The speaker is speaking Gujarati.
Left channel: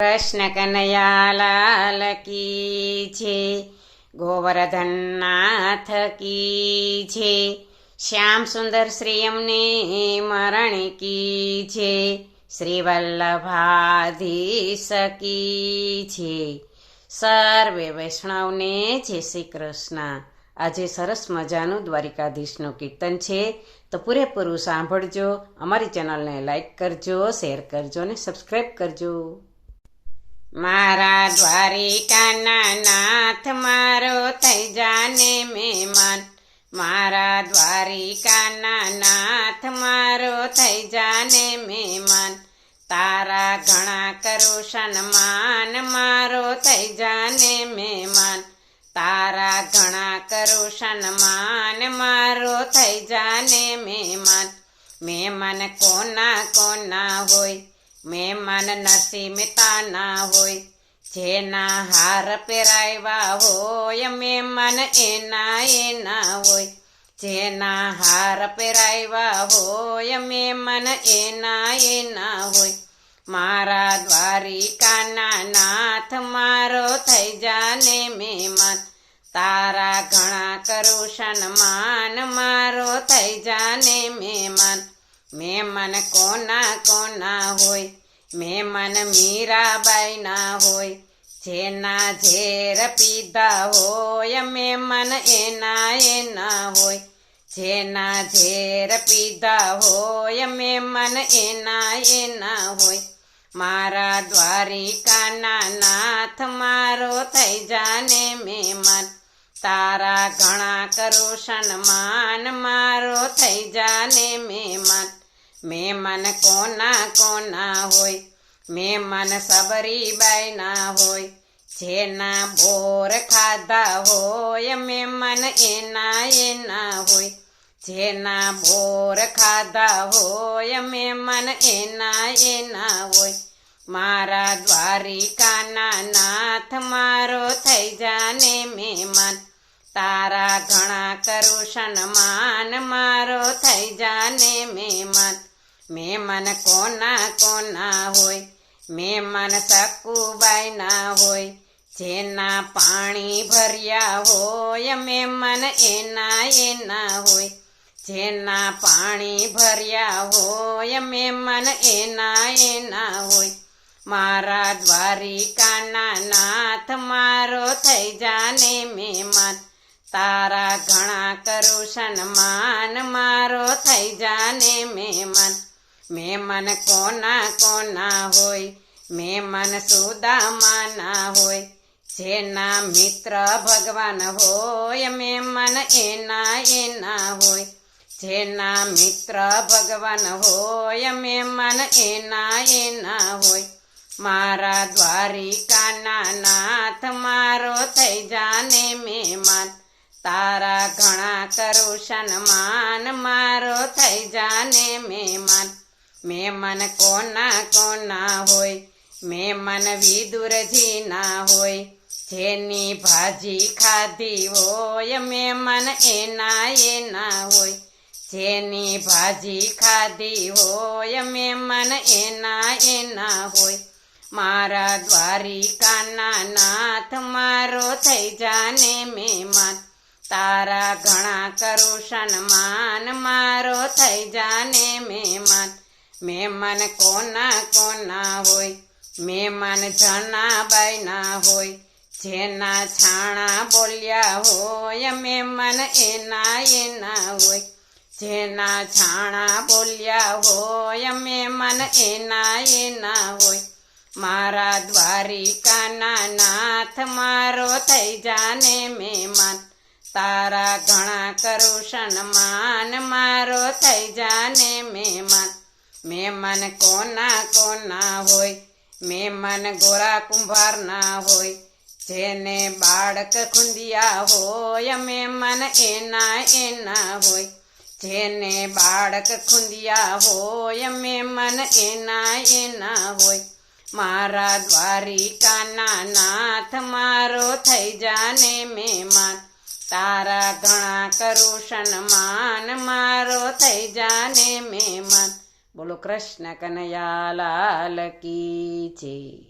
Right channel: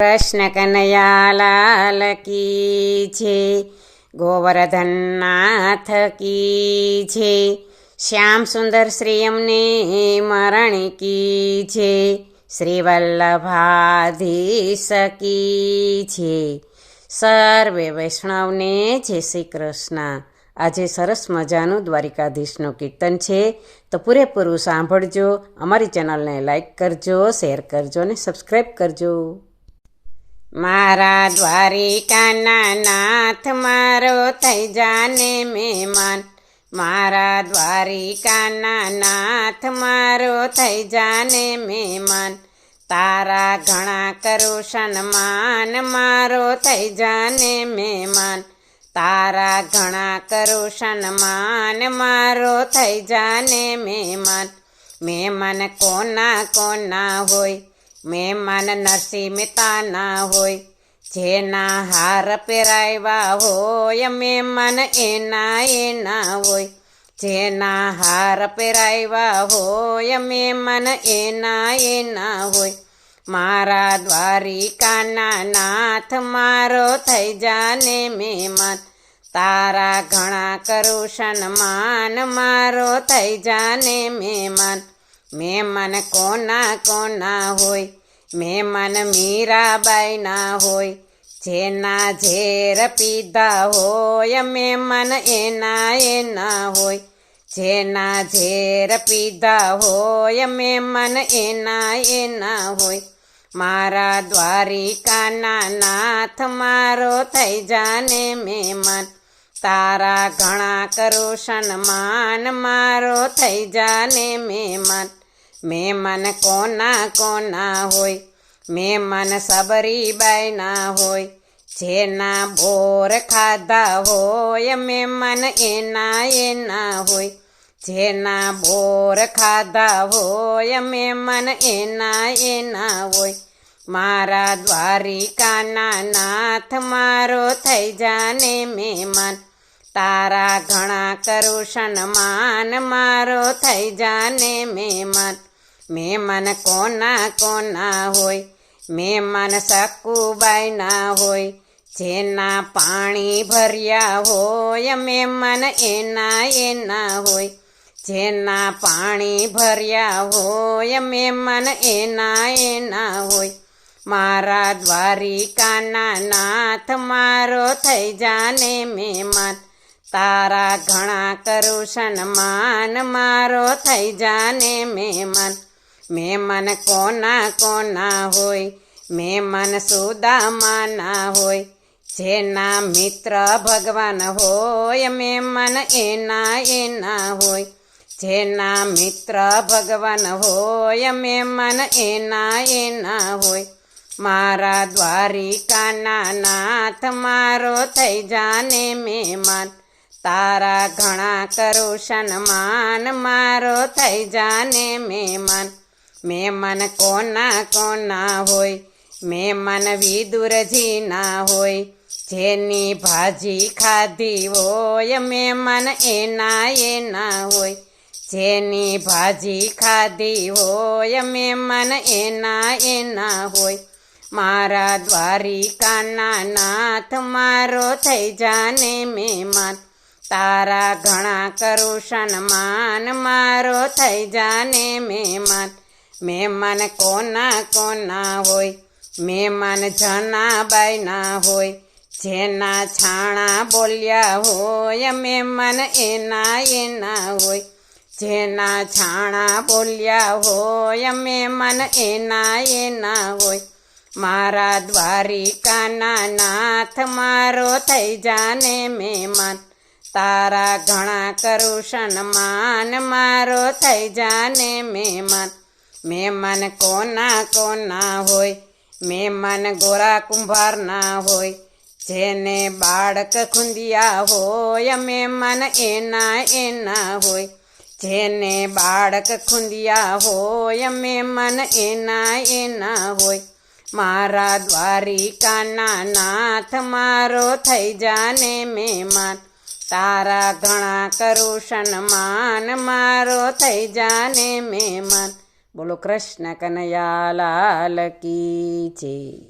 કૃષ્ણ કનૈયા લાલ કી છે, ગોવર્ધન નાથ કી છે, શ્યામ સુંદર શ્રી અમને મરણ કી છે, શ્રી વલ્લભાધીશ કી છે. સર્વે વૈષ્ણવને જય શ્રી કૃષ્ણ. આજે સરસ મજાનું દ્વારિકાધીશનું કીર્તન છે, તો પૂરેપૂરું સાંભળજો. અમારી ચેનલને લાઈક કરજો, શેર કરજો અને સબસ્ક્રાઈબ કરજો. મારા દ્વારિકાના નાથ મારો થઈ જાને મહેમાન, મારા દ્વારિકાના નાથ મારો થઈ જાને મહેમાન, તારા ઘણા કરું સન્માન મારો થઈ જાને મહેમાન, તારા ઘણા કરું સન્માન મારો થઈ જાને મહેમાન. મહેમાન કોના કોના હોય, મહેમાન નરસિંહ મહેતાના હોય, જેના હાર પહેરાવ્યા હોય મહેમાન એના એના હોય, જેના હાર પહેરાવ્યા હોય મહેમાન એના એના હોય. મારા દ્વારિકાના નાથ મારો થઈ જાને મહેમાન, તારા ઘણા કરું સન્માન મારો થઈ જાને મહેમાન. મહેમાન કોના કોના હોય, મહેમાન મીરાબાઈના હોય, જેના ઝેર પીધા હોય મહેમાન એના એના હોય, જેના ઝેર પીધા હોય મહેમાન એના એના હોય. મારા દ્વારિકાના નાથ મારો થઈ જાને મહેમાન, તારા ઘણા કરું સન્માન મારો થઈ જાને મહેમાન. મહેમાન કોના કોના હોય, મહેમાન સબરીબાઈના હોય, જેના બોર ખાધા હોય મહેમાન એના એના હોય, જેના બોર ખાધા હોય મહેમાન એના એના હોય. મારા દ્વારિકાના નાથ મારો થઈ જાને મહેમાન, તારા ઘણા કરું સન્માન મારો થઈ જાને મહેમાન. મહેમાન કોના કોના હોય, મહેમાન સકુબાઈના હોય, જેના પાણી ભર્યા હોય મહેમાન એના એના હોય, જેના પાણી ભર્યા હોય મહેમાન એના એના હોય. મારા દ્વારિકાના નાથ મારો થઈ જાને મહેમાન, તારા ઘણા કરું સન્માન મારો થઈ જાને મહેમાન. મહેમાન કોના કોના હોય, મહેમાન સુદામાના હોય, જેના મિત્ર ભગવાન હોય મહેમાન એના એના હોય, જેના મિત્ર ભગવાન હોય મહેમાન એના એના હોય. મારા દ્વારિકાના નાથ મારો થઈ જાને મહેમાન, તારા ઘણા કરું સન્માન મારો થઈ જાને મહેમાન. મહેમાન કોના કોના હોય, મહેમાન વિદુરજીના હોય, જેની ભાજી ખાધી હોય મહેમાન એના એના હોય, જેની ભાજી ખાધી હોય મહેમાન એના એના હોય. મારા દ્વારિકાના નાથ મારો થઈ જાને મહેમાન, તારા ઘણા કરું સન્માન મારો થઈ જાને મહેમાન. મહેમાન કોના કોના હોય, મહેમાન જનાબાઈના હોય, જેના છાણા બોલ્યા હોય મહેમાન એના એના હોય, જેના છાણા બોલ્યા હોય મહેમાન એના એના હોય. મારા દ્વારિકાના નાથ મારો થઈ જાને મહેમાન, તારા ઘણા કરું સન્માન મારો થઈ જાને મહેમાન. મહેમાન કોના કોના હોય, મહેમાન ગોરા કુંભારના હોય, જેને બાળક ખૂંદિયા હોય મહેમાન એના એના હોય, જેને બાળક ખૂંદિયા હોય મહેમાન એના એના હોય. મારા દ્વારિકાના નાથ મારો થઈ જાને મહેમાન, તારા ઘણા કરું સન્માન મારો થઈ જાને મહેમાન. બોલો કૃષ્ણ કનૈયા લાલ કી જય.